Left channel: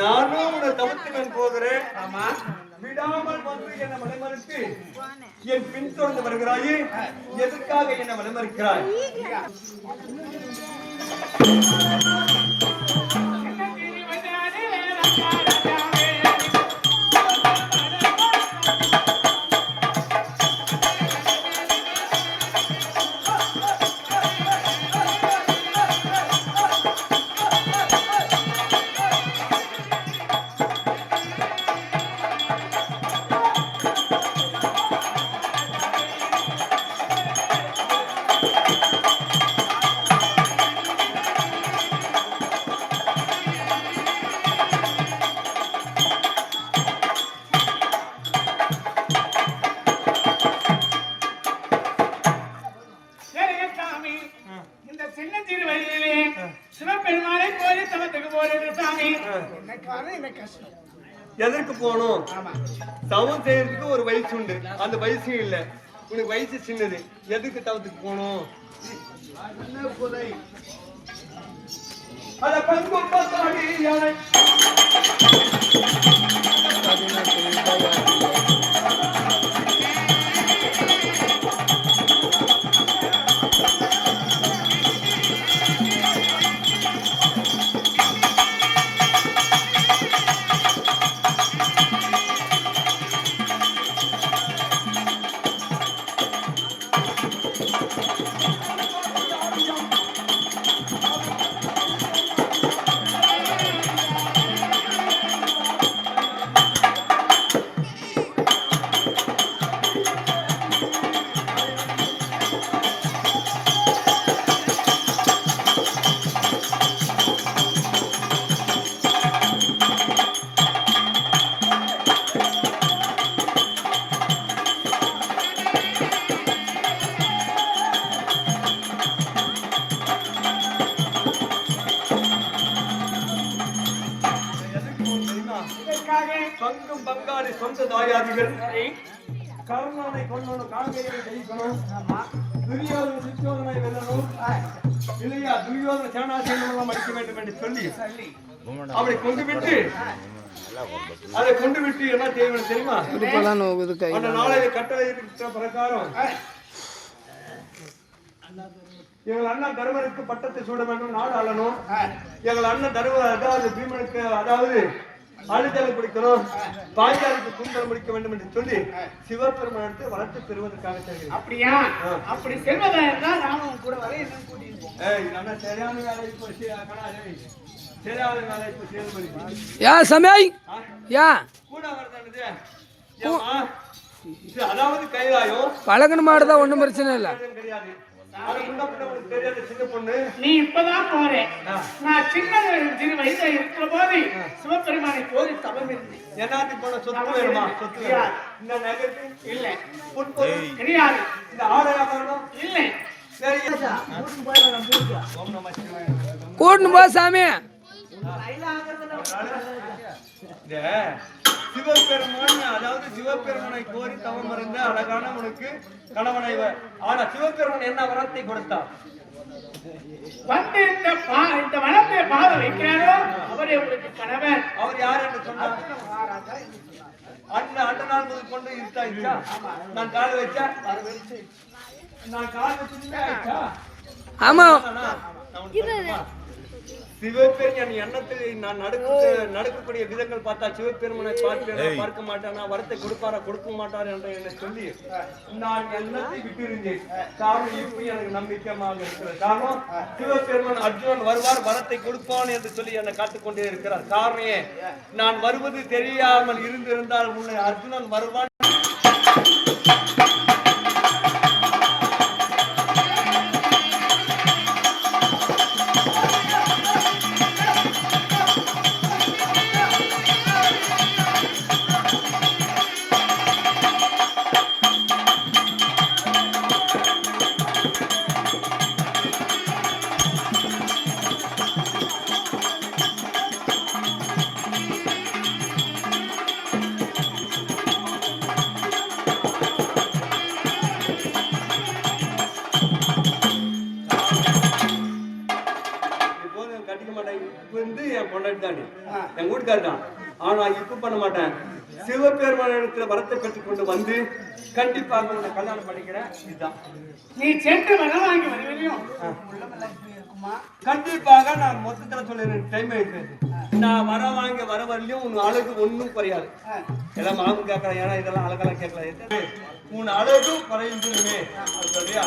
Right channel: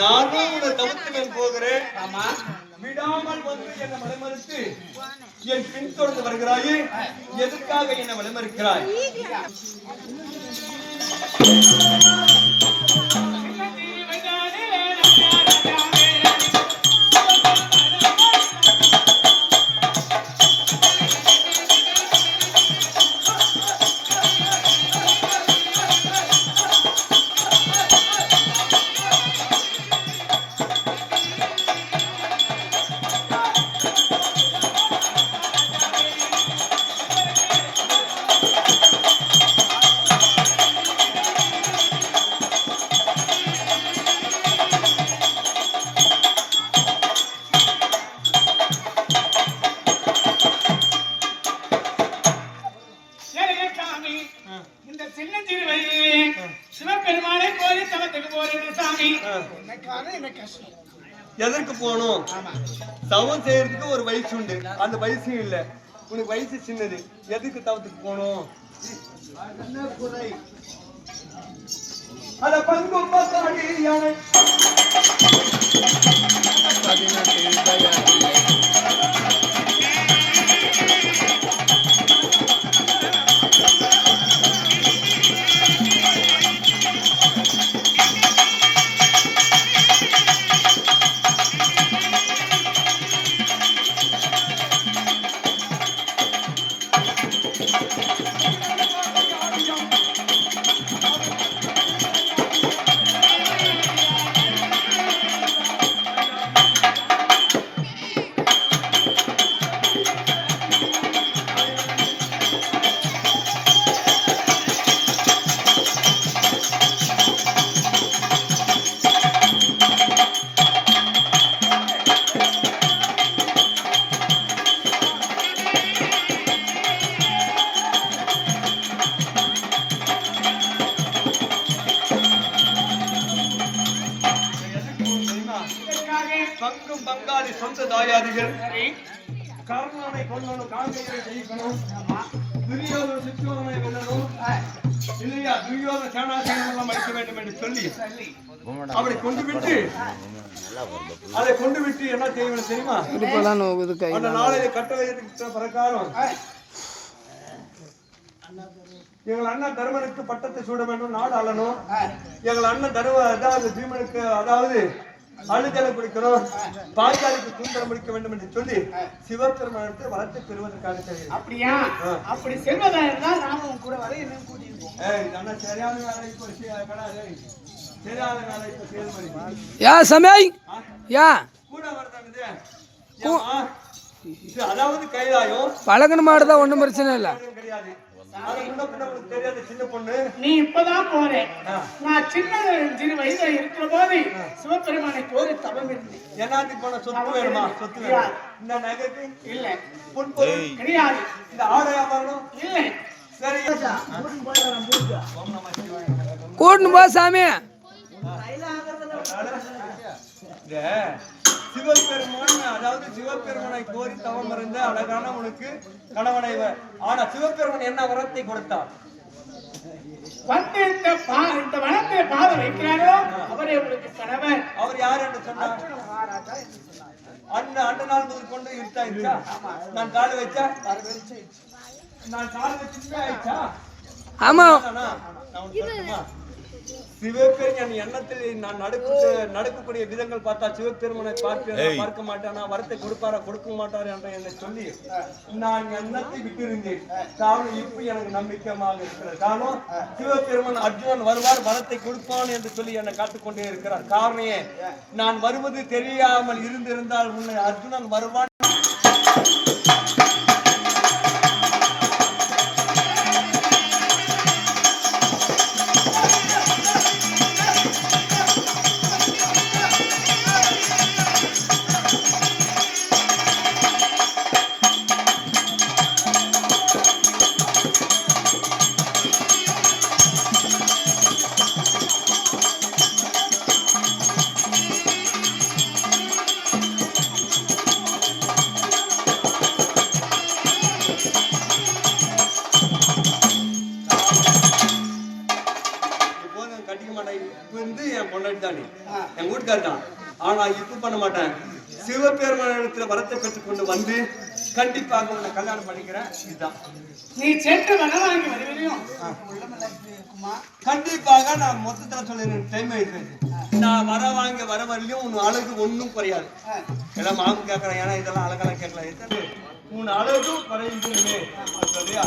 நானும் உன்னை தவிர்த்து போகிறேன். விடாமல் வந்து என்னை மலைமறுத்து என் பின் தொடர்ந்து வருகிறாயே, எதற்காக என்னை மலைமறுக்கிறாய்? எதற்கு போகணும்? தவம் செய்யறதுக்கு ஒரு வயசு உண்டு, அந்த வயசு இல்ல. உனக்கு வயசு சின்னது, எதுக்கு தவத்துக்கு போகணும்? அத பங்கு பங்கும் பங்காளி சொந்த தாயாதிகள் கர்ணனை கொல்லணும், காங்கையை ஜெயிக்கணும், துரியோதன சித்தோதனை வெல்லணும், இல்லையா துரியோதன சேனாசேனம் எல்லாம் அடிக்க வேண்டும் என்று சொல்லி அப்படி கொண்டு விட்டு அதை கொண்டு விட்டு என்ன செய்யணும் தெரியுமா? அந்த நாளையில கட்டளை பிரகாரம் எங்கள் அண்ணன் தருமனுக்கு பட்டத்தை சூட வேண்டும், நாடு ஆளணும். எங்கள் அண்ணன் தரும அதாவது பீமனுக்கு அதாவது அழுதலை பிடிக்கணும், பாஞ்சாலிக்கு குந்தரம் முடிக்க வேண்டும் என்று சொல்லி சிவபெருமானத்தை வளர்த்து பெறுவதற்காக செய்கிறேன். அப்படியா? அப்படி செல்வதா இருந்தால் நானும் கூட வர என்ன கூட்டியிருக்கோம். சரியான வேலை இப்போ சரியான வேலை இப்போ செயல்படுத்தி யா சமய் யா கூட வரதானது. அதாவது கைலாயம் பழகன மாடுதான், ஒன்றும் பிரச்சனை இல்லை, கிடையாது. தெரியாத சின்ன பொண்ணு நீ இப்பதான் போறேன். நான் சின்ன சிறு வயசுல இருக்கிற போது சிவபெருமானை கோரி தவம் இருந்தேன். என்னாச்சு போன சொத்து வேணுமா? சொத்து வேணும். இந்த நகைக்கு இல்ல, பொன்பொருள் கிடையாது. இந்த ஆடை வியாபாரம் இல்ல. சரி கூட்டுன்னு போ சாமி. சிவபெருமான் அதாவது சிவபெருமனை கோரி தவம் இருந்த அழகான உனக்கு கணவனை. ஆனா சிவபெருமன் என்ன வரத்தை கொடுத்தார்? வந்து இந்த வனத்தை பாத வைக்கிறாரோ அவரே உங்களுக்கு கணவன். அவர் யார் என்று சொன்னார்? மகாராஜா என்று சொன்னார். அந்த நாள் முதல் கொண்டு இருட்டாயிடுச்சா? நான் கால் வச்சா நான் கால் வச்சுமே ஆயிடுச்சா? ஆமா நான் உனக்கு சொல்லட்டுமா? சிவபெருமான் எண்ணத்தில் நான் நடக்கக்கூடிய விதங்கள் பார்த்தா சிவபெருமனை பார்க்க மாட்டானா, வரத்தை கொடுப்பாரா கொடுக்க மாட்டாரு என்ற என்னை சொல்லி நான் எண்ணத்தை விட்டிருந்தேன். காரணம் இப்ப எனக்கு நம்பிக்கையாக இருக்கிற காரணம் சிவபெருமன் அர்ஜுனன் வருவார் வரத்தை கொடுப்பான் என்று சொல்லி என்னை காத்துக்கொண்டே இருக்கிறார். காரணமே நான் வருவது தெரியாமல் இருந்திருந்தால் உன்னை அர்ஜுனன் வருவான் என் வீட்டுக்காரன். ஆனா இப்ப பண்ண மாட்டேன். சிவபெருமானத்துல வரத்தை பெற்றுக் கொண்டு வந்து கண்டிப்பாக உன்னை கல்யாணம் பண்ணிக்கிறேன். இதுதான் நீ சென்று வனவாங்கி வருவதையும் கண்டிப்பாக நான் மொத்தத்துல சொல்லிடுறேன். டைம் ஆயிடுச்சு. நான் வர வரலையும் உன் அழகு ஒன்றும் குறையாது. எல்லாம் மாமு கேட்கறேன். ஏன்னா இதெல்லாம் அழகெல்லாம் கேட்கலாம். உன் அழகும் குறைந்துமே சொல்றியா?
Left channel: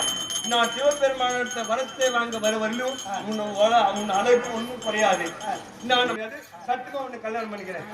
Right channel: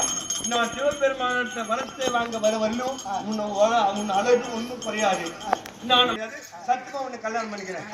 நான் சிவபெருமானத்தை வரத்தை வாங்க வர வரலையும் உன் அழகு ஒன்றும் குறையாது. நான் சத்துமா உன்னை கல்யாணம் பண்ணிக்கிறேன்.